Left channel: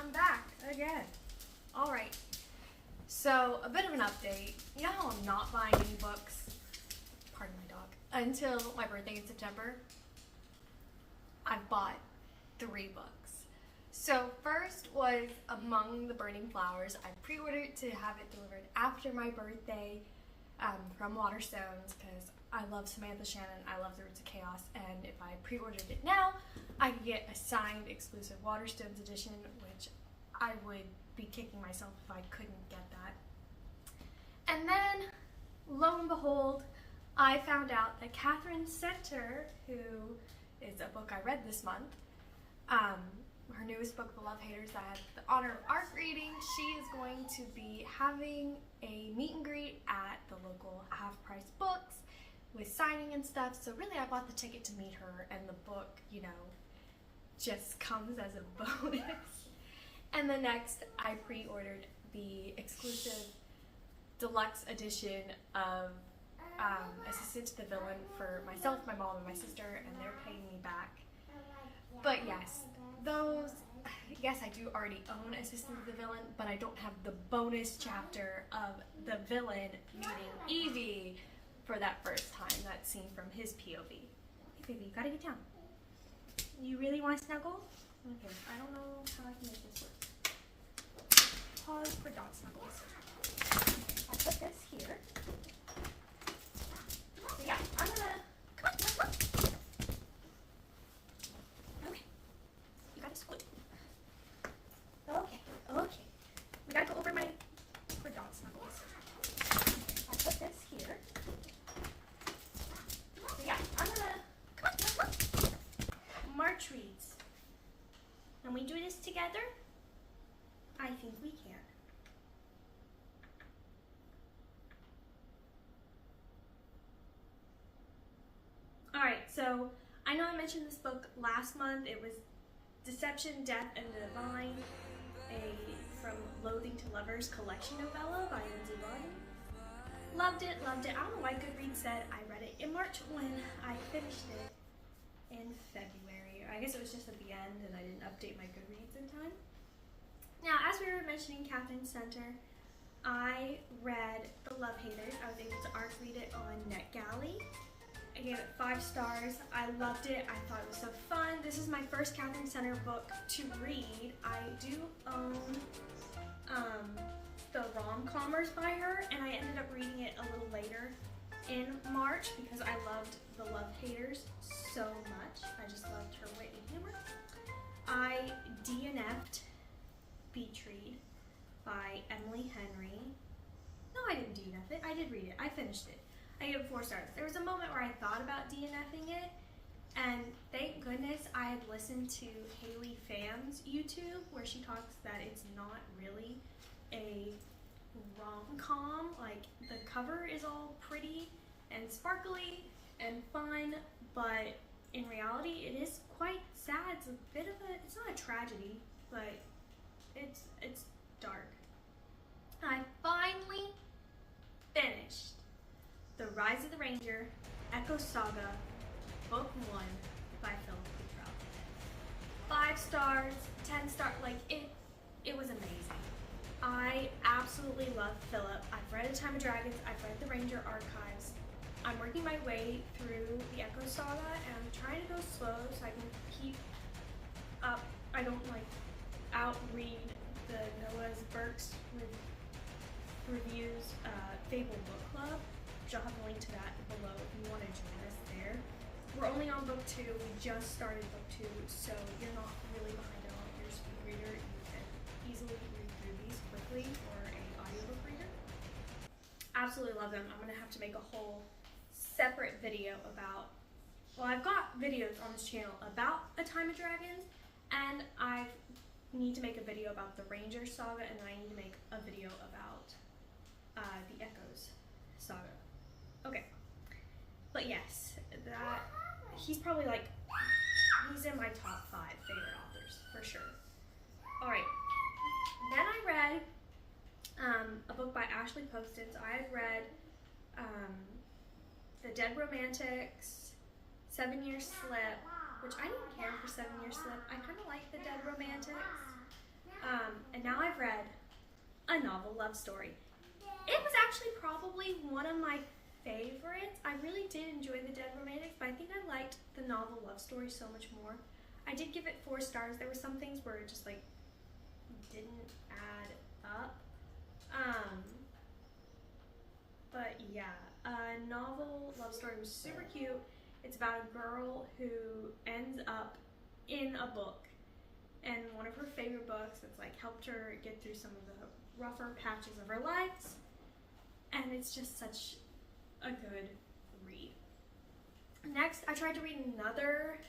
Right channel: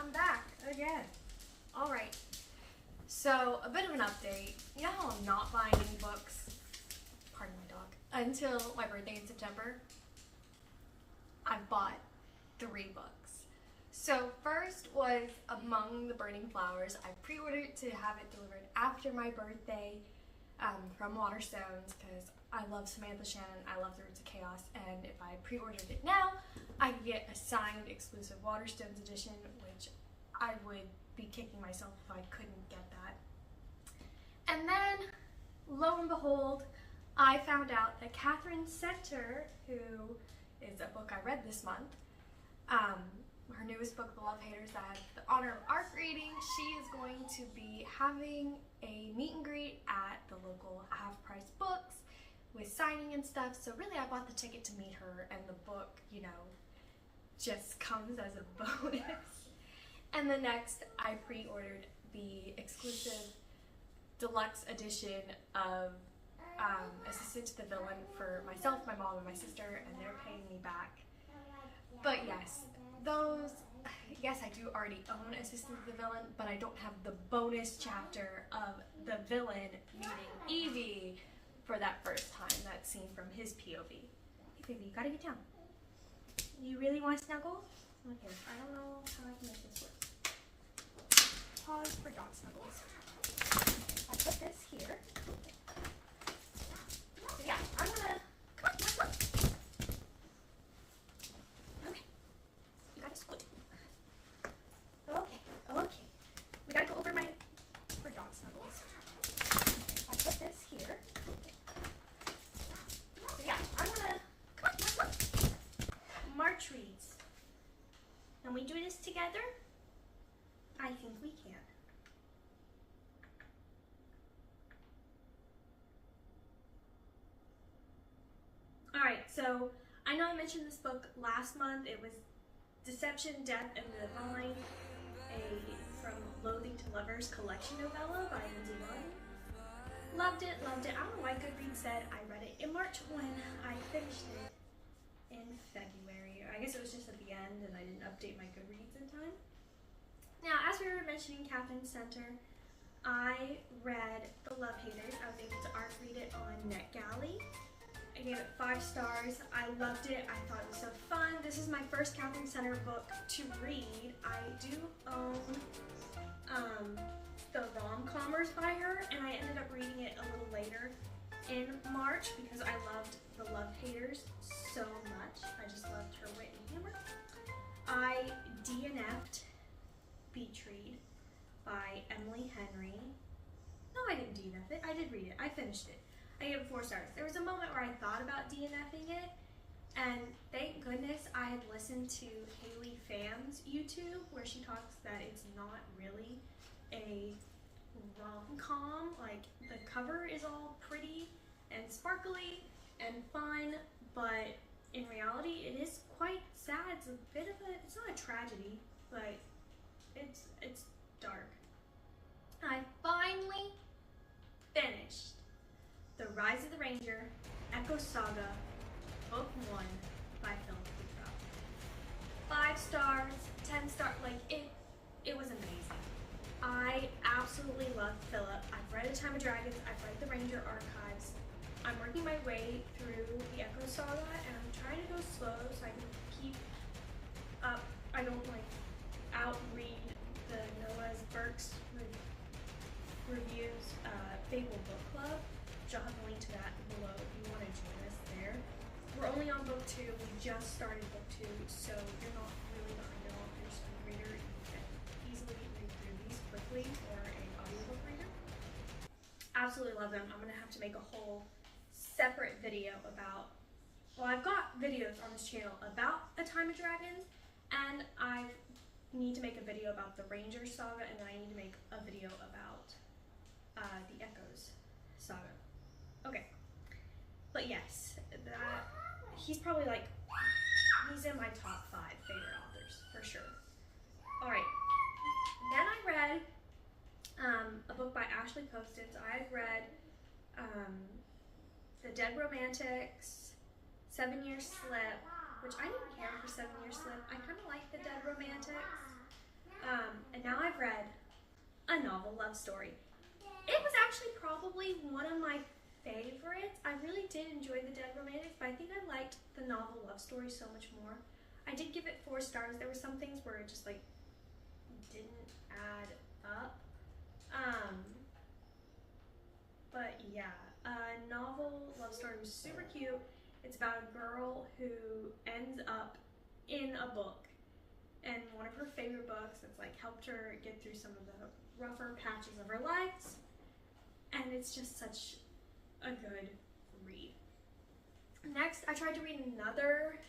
I'm back again. Alright, so a bit of an update. You know how I'm not buying any books, pardon my dog, until my birthday in September? I've bought 3 books. So first was Among the Burning Flowers. I pre-ordered to have it delivered after my birthday from Waterstones because I love Samantha Shannon, I love The Roots of Chaos, and if I pre-ordered it now, I could get a signed exclusive Waterstones edition, which I would be kicking myself if I couldn't get that. And then, lo and behold, I found out that Katherine Center, who is a book I read this month, her newest book, The Love Haters, that I had the honor of art reading, she is going to be having a meet and greet at the local half-price books with signing and stuff. So really I bought the ticket to meet her, and the book, you know, just comes as a bonus. And the next, I pre-ordered the exclusive deluxe edition of Assistant to the Villain for myself, my mom, and my sister, and they're paying me back. But yes, I do already own Assistant to the Villain, but I don't have the bonus chapter of the villain meeting Evie for that first time. That's seen from his POV. Hey baby, you gotta get down. You really want to snuggle? Okay, I don't know how I can make this work. Pause for dog snuggles. I'll put this here. So yeah, I'm gonna... Come on. Okay. You gotta squeeze. Okay. We gotta go over my... for dog snuggles. I'll put this here. So yeah, I'm gonna... Come on. March reads. Can we do this together? I think we can. Alright, so I know I mentioned this book last month. It was Deception, Death, and the Divine, a From Loathing to Lovers collection novella by Lindsey N Rhoden. Loved it. I don't know why Goodreads said I read it in March when I finished it in February. I guess it was just at the end and I didn't update my Goodreads in time. Now, as we were mentioning Katherine Center, I read The Love Haters. I was able to art read it on NetGalley. I gave it 5 stars. I loved it. I thought it was so fun. This is my first Katherine Center book to read. I do own the Rom-Commers by her, and I ended up reading it a little later in March because I loved The Love Haters so much. I just loved her wit and humor. I DNF'd Beach Read by Emily Henry. No, I didn't DNF it. I did read it. I finished it. I gave it 4 stars. There was a moment where I thought about DNFing it, and thank goodness I had listened to Haley Pham's YouTube where she talks that it's not really a rom-com. Like, the cover is all pretty and sparkly and fun, but in reality it is quite sad. It's a bit of a, it's not a tragedy, but it's dark. I finally finished The Rise of the Ranger, Echo Saga, Book 1 by C Quaintrell. 5 stars, 10 stars, like it was amazing. I absolutely love Philip. I've read A Time of Dragons, I've read the Ranger Archives. I'm working my way through the Echo Saga, and I'm trying to go slow so I can keep up. I don't like outread the Noah's Burke's reviews Fable book club, which I'll have a link to that below if you want to join us there. We're only on book 2. We just started book 2, so you're not really behind at all. If you're a speed reader, you can easily read through these quickly, or an audiobook reader. Absolutely love them. I'm going to have to make a whole separate video about, well, I've got videos on this channel about A Time of Dragons, and I need to make a video about the Ranger Saga, and then I need to make a video about the Echoes Saga. Okay, but yes, that he's probably like, he's in my top 5 favorite authors for sure. All right, then I read a book by Ashley Posten. So I had read The Dead Romantics, 7 Year Slip, which I didn't care for 7 Year Slip. I kind of like The Dead Romantics. novel love story. It was actually probably one of my favorites. I really did enjoy the Dead Romantics, but I think I liked the novel love story so much more. I did give it 4 stars. There were some things where it just like didn't add up. But yeah, novel love story was super cute. It's about a girl who ends up in a book, and one of her favorite books that's like helped her get through some of the rougher patches of her life, and it's just such a good read. Next, I tried to read another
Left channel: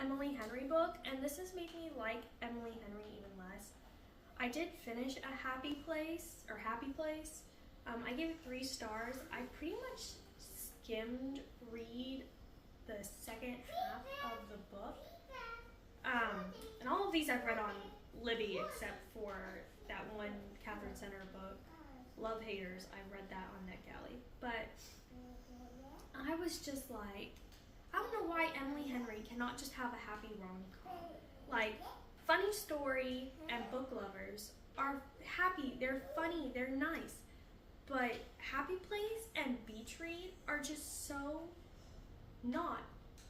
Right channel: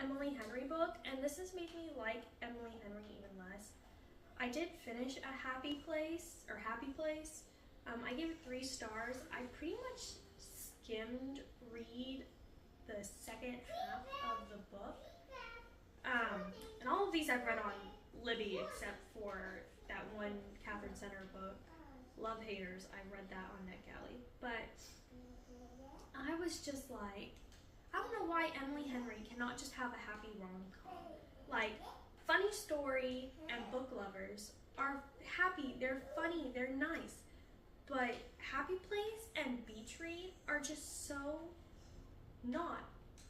Emily Henry book, and this has made me like Emily Henry even less. I did finish Happy Place. I gave it 3 stars. I pretty much skimmed read the second half of the book. And all of these I've read on Libby except for that one Katherine Center book, Love Haters. I read that on NetGalley. But I was just like, I don't know why Emily Henry cannot just have a happy rom-com. Like, funny story and book lovers are happy, they're funny, they're nice. But Happy Place and Beach Read are just so not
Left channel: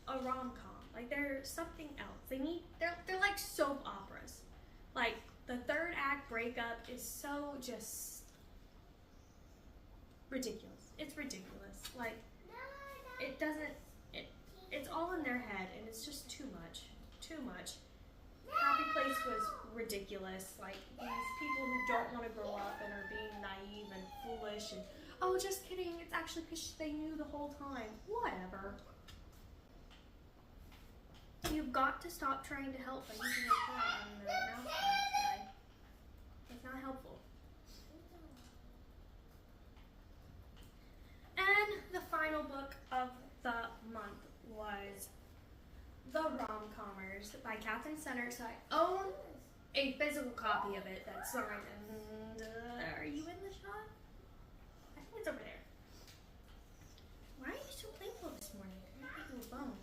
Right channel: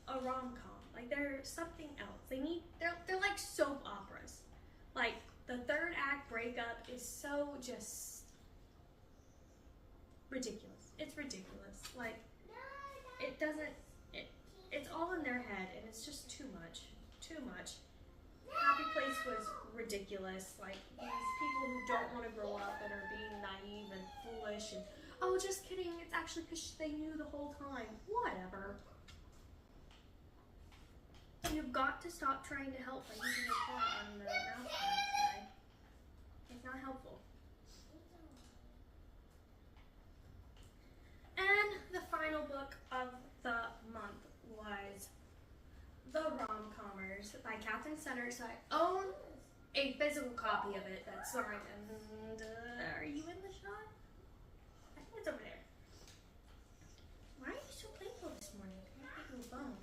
a rom-com. Like, they're something else. They're like soap operas. Like, the 3rd act breakup is so just ridiculous. It's ridiculous. Like, it's all in their head, and it's just too much. Happy Place was ridiculous. Like, these people who don't want to grow up and are being naive and foolish and, oh, just kidding, it's actually because they knew the whole time. Whatever. You've got to stop trying to help by using your paw on the mouse pad guy. It's not helpful. And the final book of the month was The Rom-Commers by Katherine Center. So I own a physical copy of it that's signed. And are you in the shot? I think it's over there. Why are you so playful this morning? I'm taking a bone.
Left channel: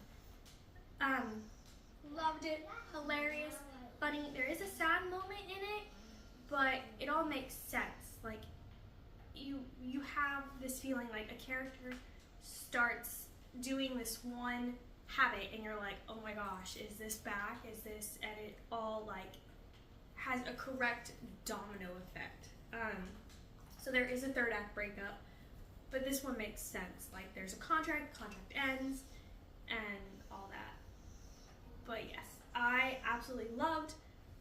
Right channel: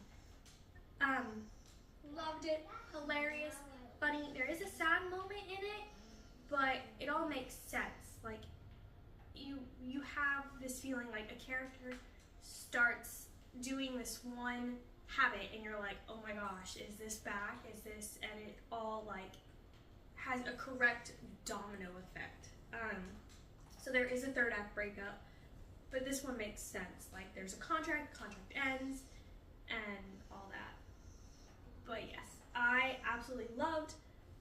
Loved it. Hilarious. Funny. There is a sad moment in it, but it all makes sense. Like, you have this feeling like a character starts doing this one habit and you're like, oh my gosh, is this back? Is this? And it all like has a correct domino effect. So there is a 3rd act breakup, but this one makes sense. Like, there's a contract ends, and all that. But yes, I absolutely loved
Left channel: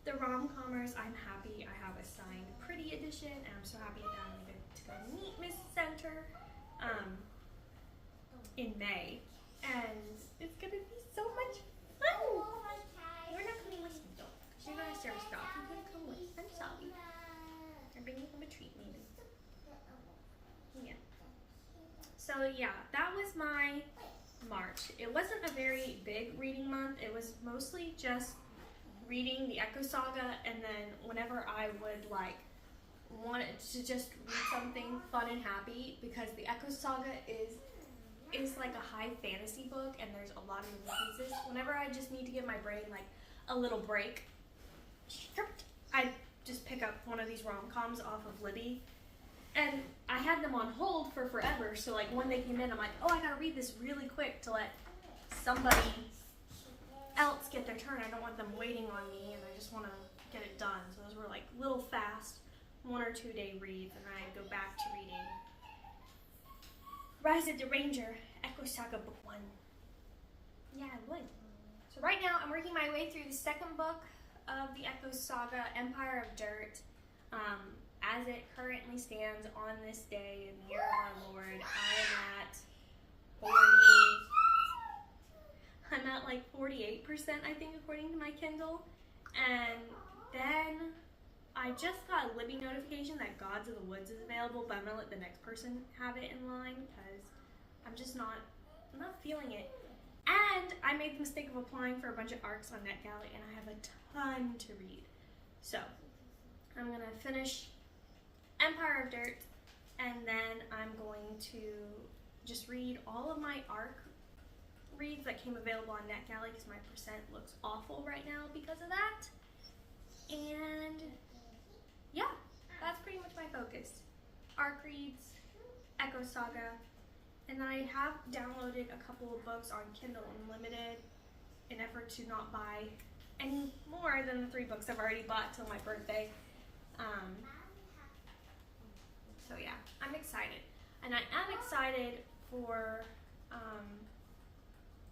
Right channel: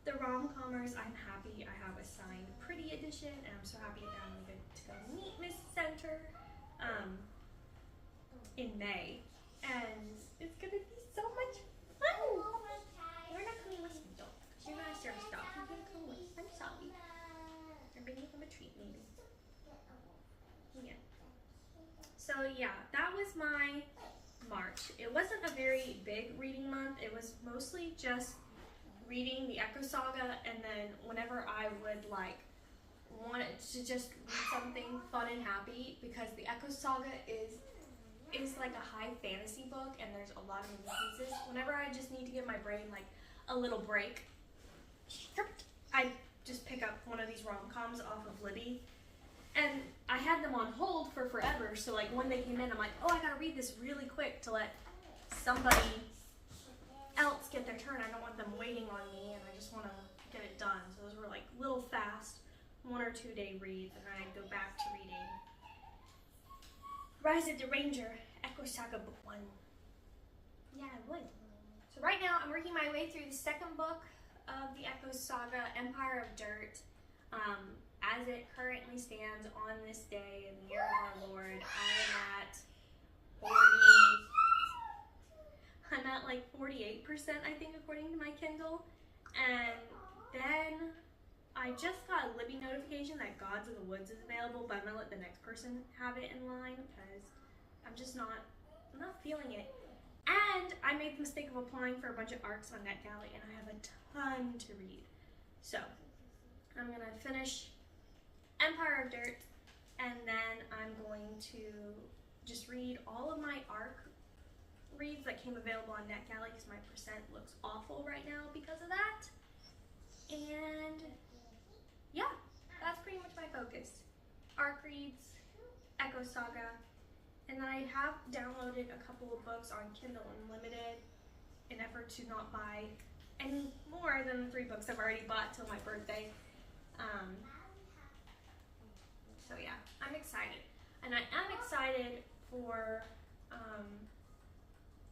the Rom-Commers. I'm happy I have a signed pretty edition, and I'm so happy that I'm going to go to the Meet Miss Center in May, and it's going to be so much fun. You're not coming with me though, because you're not a service dog. You're going to come with. I'm sorry. I'm bringing home a treat, maybe. Yeah. So yeah, that was my March. It wasn't a very big reading month. It was mostly just reading the Echo Saga, and then whenever I would like wanted to just read something fun and happy, because the Echo Saga is like a high fantasy book and there's a lot of moving pieces. Whenever I just need to give my brain like a little break, I just pick up one of these rom-coms off of Libby, and I had them on hold for forever, so like when they came in, I'm like, oh, I gotta read this really quick to let somebody else get their turn. I don't want them waiting on me, and I just want to get it done. So those were like little fast 1 or 2 day reads, and then I'd go back to reading Rise of the Ranger, Echo Saga Book 1. Yeah, I would. So right now, I'm working my way through the 2nd book of the Echo Saga, Empire of Dirt. As it currently stands on this day in the year of our Lord, I'm at like 48%, I think, according to my Kindle. And then I just got a Libby notification that Gods of the Woods is available, but I'm gonna let the next person have it in line because I'm not feeling it. And I made the mistake of applying for a bunch of ARCs on NetGalley, and I have a ton to read. So I'm gonna finish Empire of Dirt, and then I'm going to just read all of my ARC reads that came available on NetGalley, because my percent looks awful right now because of that. And yeah, that's pretty much Arc Reads, Echo Saga, and then I have downloaded a couple of books on Kindle Unlimited in effort to not buy any more than the 3 books I've already bought till my birthday. So yeah, I'm excited. And I am excited for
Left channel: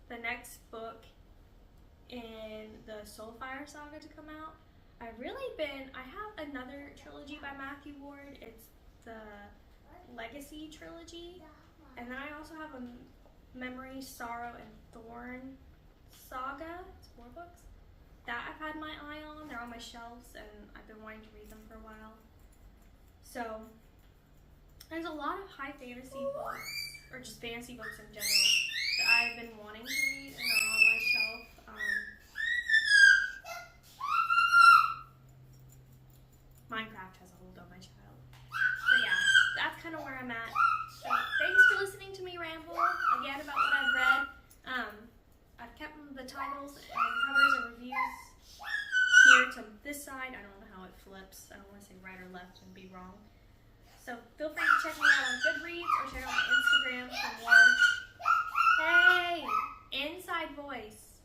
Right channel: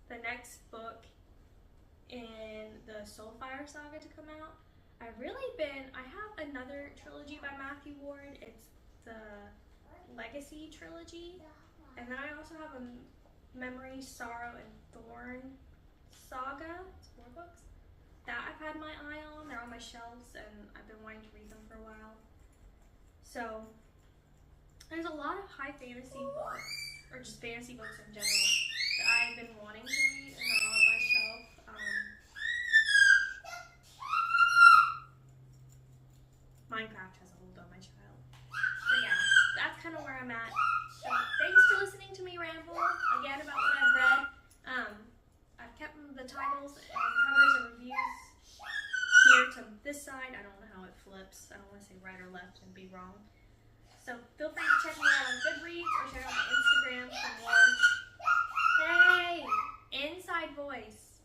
the next book in the Soulfire Saga to come out. I have another trilogy by Matthew Ward. It's the Legacy trilogy. And then I also have a Memory, Sarrow, and Thorn saga. It's 4 books that I've had my eye on. They're on my shelves and I've been wanting to read them for a while. So there's a lot of high fantasy books, or just fantasy books in general, that I've been wanting to read and are on my shelf. Minecraft has a hold on my child. So yeah, that's kind of where I'm at. So thanks for listening to me ramble again about what I've read. I've kept the titles and covers and reviews here to this side. I don't know how it flips. I don't want to say right or left and be wrong. So feel free to check me out on Goodreads or check out my Instagram for more. Hey, inside voice.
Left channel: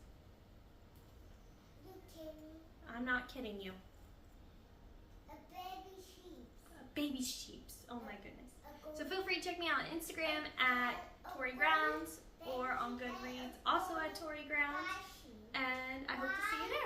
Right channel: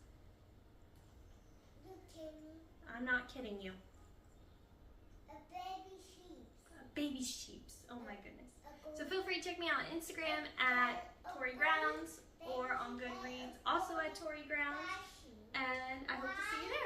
You kidding? I'm not kidding you. A baby sheep. Baby sheeps. Oh my goodness. So feel free to check me out on Instagram at Tori Grounds or on Goodreads, also at Tori Grounds. And I hope to see you there.